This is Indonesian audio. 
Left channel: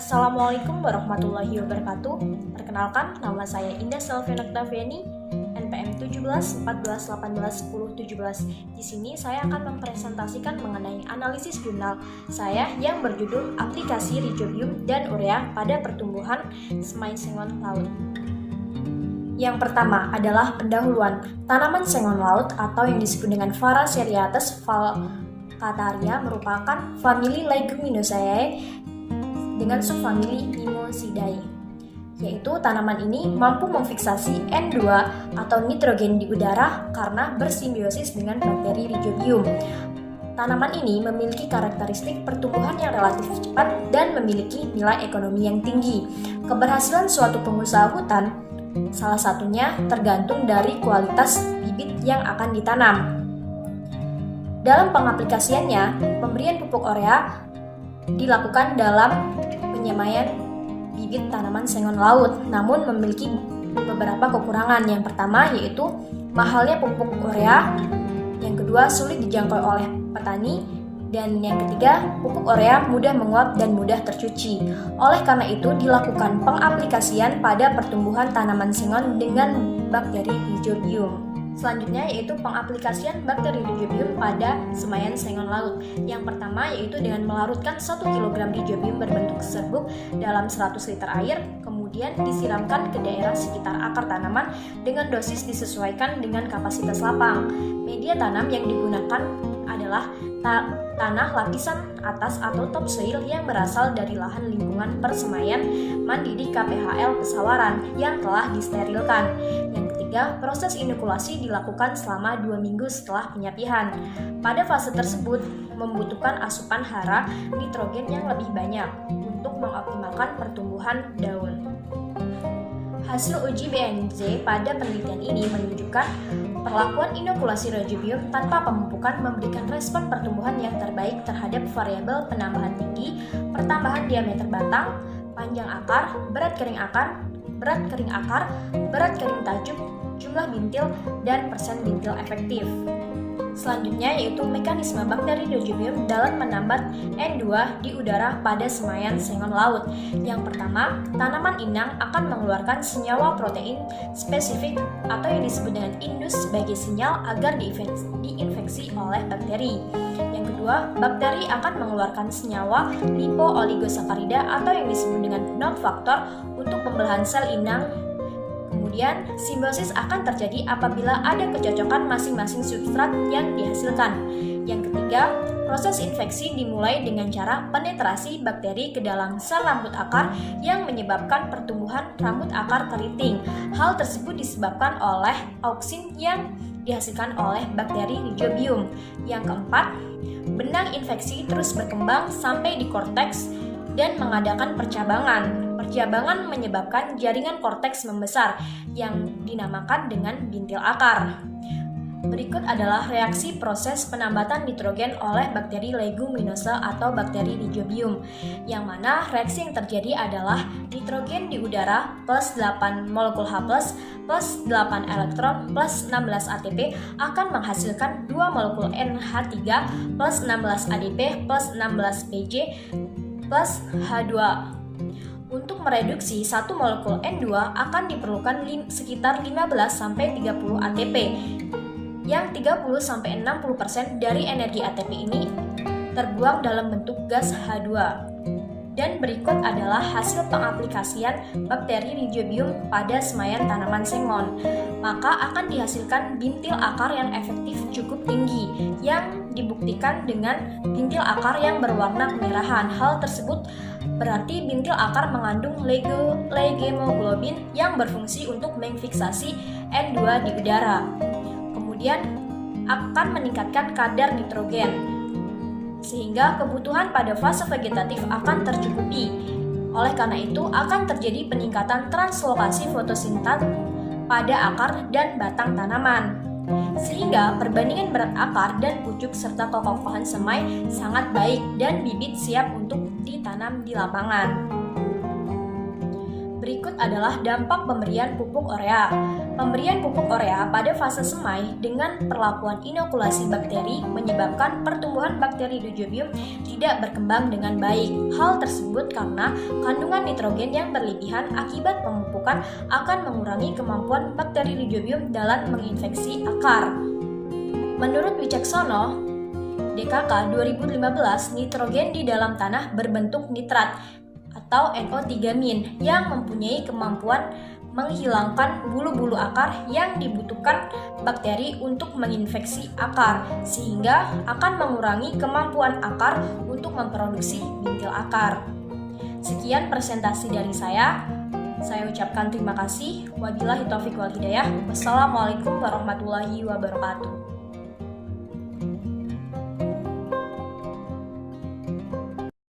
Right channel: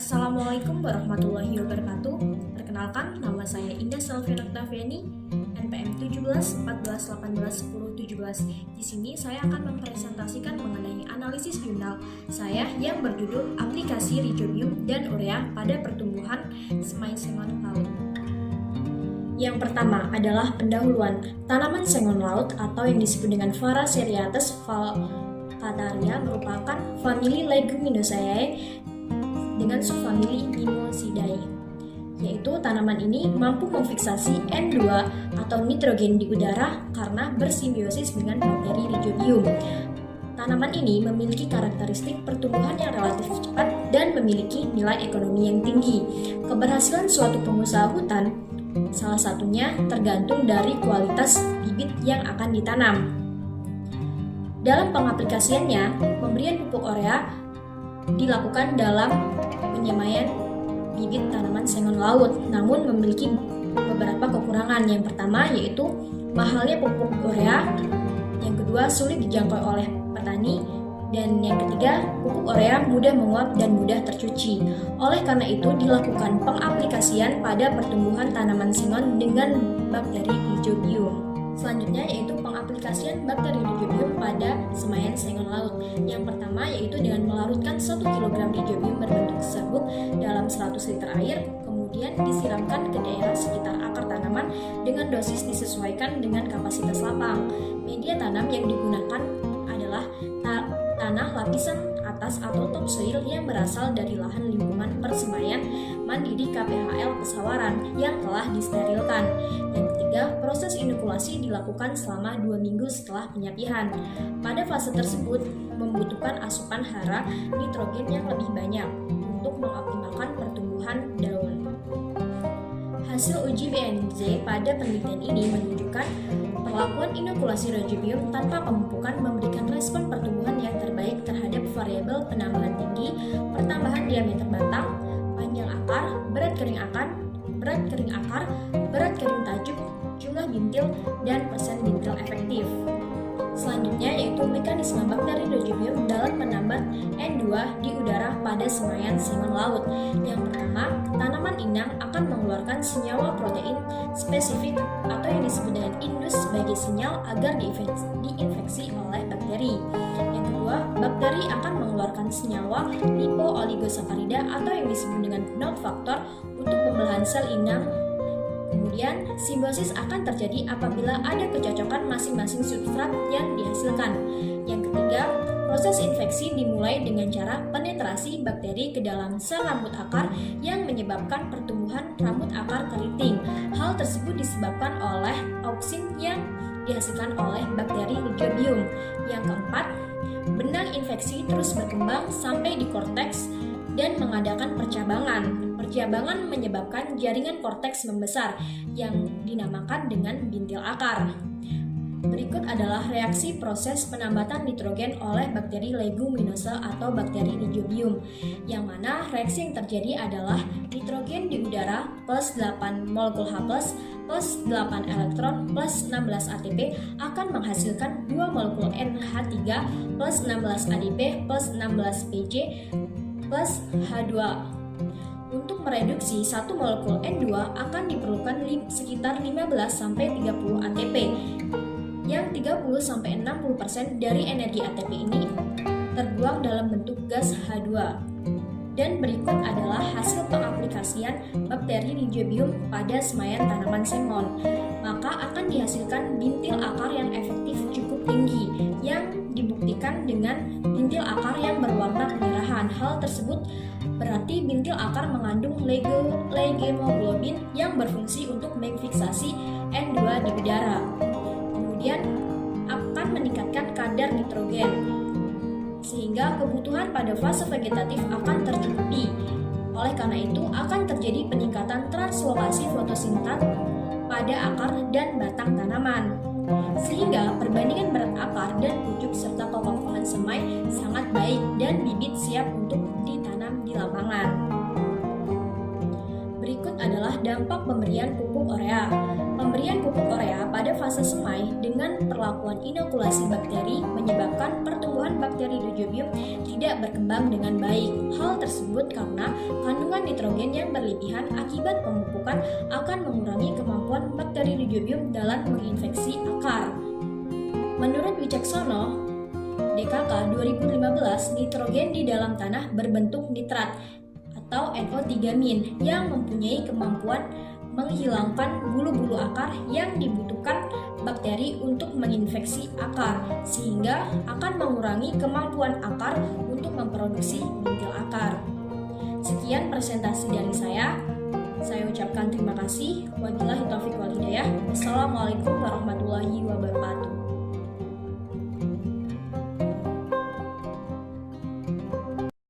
Assalamualaikum warahmatullahi wabarakatuh. Perkenalkan, nama saya Indah Selviana Octaviani, NPM 17 14 18 10 17. Di sini saya akan mempresentasikan mengenai analisis jurnal saya yang berjudul Aplikasi Rhizobium dan Urea pada Pertumbuhan Semai Sengon Laut. Yang pertama adalah pendahuluan. Tanaman sengon laut atau yang disebut dengan Faraseriates falcataria merupakan famili Leguminosae dengan subfamili Mimosidae, yaitu tanaman ini mampu memfiksasi N2 atau nitrogen di udara karena bersimbiosis dengan bakteri Rhizobium. Tanaman ini memiliki karakteristik pertumbuhan yang relatif cepat dan memiliki nilai ekonomi yang tinggi. Keberhasilan suatu pengusaha hutan salah satunya tergantung dari kualitas bibit yang akan ditanam. Dalam pengaplikasiannya, pemberian pupuk urea dilakukan dalam penyemaian bibit tanaman sengon laut, namun memiliki beberapa kekurangan. Yang pertama yaitu mahalnya pupuk urea, yang kedua sulit dijangkau oleh petani, dan yang ketiga pupuk urea mudah menguap dan mudah tercuci. Oleh karena itu dilakukan pengaplikasian pada pertumbuhan tanaman sengon dengan bakteri Rhizobium. Selanjutnya yaitu pengaplikasian bakteri Rhizobium pada semaian sengon laut. Yang pertama yaitu dengan melarutkan 1 kg Rhizobium berbentuk serbuk dalam 100 liter air, kemudian disiramkan ke daerah sekitar akar tanaman dengan dosis disesuaikan dengan kapasitas lapang. Media tanam yang digunakan adalah tanah lapisan atas atau topsoil yang berasal dari lahan lingkungan persemaian mandiri KPHL Pesawaran yang telah disterilkan. Yang ketiga, proses inokulasi dilakukan selama 2 minggu setelah penyapihan. Pada fase tersebut membutuhkan asupan hara nitrogen yang lebih banyak untuk mengoptimalkan pertumbuhan daun. Hasil uji BNZ pada penelitian ini menunjukkan perlakuan inokulasi Rhizobium tanpa pemupukan memberikan respon pertumbuhan yang terbaik terhadap variabel penambahan tinggi, pertambahan diameter batang, panjang akar, berat kering akar, berat kering tajuk, jumlah bintil, dan persen bintil efektif. Selanjutnya yaitu mekanisme bakteri Rhizobium dalam menambat N2 di udara pada semaian sengon laut. Yang pertama, tanaman inang akan mengeluarkan senyawa protein spesifik atau yang disebut dengan indus sebagai sinyal agar diinfeksi oleh bakteri. Yang kedua, bakteri akan mengeluarkan senyawa lipo-oligosakarida atau yang disebut dengan nod faktor untuk pembelahan sel inang. Kemudian, simbiosis akan terjadi apabila ada kecocokan masing-masing substrat yang dihasilkan. Yang ketiga, proses infeksi dimulai dengan cara penetrasi bakteri ke dalam sel rambut akar yang menyebabkan pertumbuhan rambut akar keriting. Hal tersebut disebabkan oleh auksin yang dihasilkan oleh bakteri Rhizobium. Yang keempat, benang infeksi terus berkembang sampai di korteks dan mengadakan percabangan. Percabangan menyebabkan jaringan korteks membesar yang dinamakan dengan bintil akar. Berikut adalah reaksi proses penambatan nitrogen oleh bakteri leguminosa atau bakteri Rhizobium, yang mana reaksi yang terjadi adalah nitrogen di udara plus 8 molekul H+, plus 8 elektron, plus 16 ATP akan menghasilkan 2 molekul NH3, plus 16 ADP, plus 16 PJ, plus H2. Untuk mereduksi 1 molekul N2 akan diperlukan sekitar 15-30 ATP, yang 30-60% dari energi ATP ini terbuang dalam bentuk gas H2. Dan berikut adalah hasil pengaplikasian bakteri Rhizobium pada semaian tanaman sengon. Maka akan dihasilkan bintil akar yang efektif cukup tinggi, yang dibuktikan dengan bintil akar yang berwarna kemerahan. Hal tersebut berarti bintil akar mengandung legemoglobin yang berfungsi untuk memfiksasi N2 di udara. Kemudian akan meningkatkan kadar nitrogen, sehingga kebutuhan pada fase vegetatif akan tercukupi. Oleh karena itu akan terjadi peningkatan translokasi fotosintat pada akar dan batang tanaman, sehingga perbandingan berat akar dan pucuk serta kekokohan semai sangat baik dan bibit siap untuk ditanam di lapangan. Berikut adalah dampak pemberian pupuk urea. Pemberian pupuk urea pada fase semai dengan perlakuan inokulasi bakteri menyebabkan pertumbuhan bakteri Rhizobium tidak berkembang dengan baik. Hal tersebut karena kandungan nitrogen yang berlebihan akibat pemupukan akan mengurangi kemampuan bakteri Rhizobium dalam menginfeksi akar. Menurut Wicaksono, DKK 2015, nitrogen di dalam tanah berbentuk nitrat atau NO3- yang mempunyai kemampuan menghilangkan bulu-bulu akar yang dibutuhkan bakteri untuk menginfeksi akar, sehingga akan mengurangi kemampuan akar untuk memproduksi bintil akar. Sekian presentasi dari saya. Saya ucapkan terima kasih. Wabillahi taufiq wal hidayah. Wassalamualaikum warahmatullahi wabarakatuh.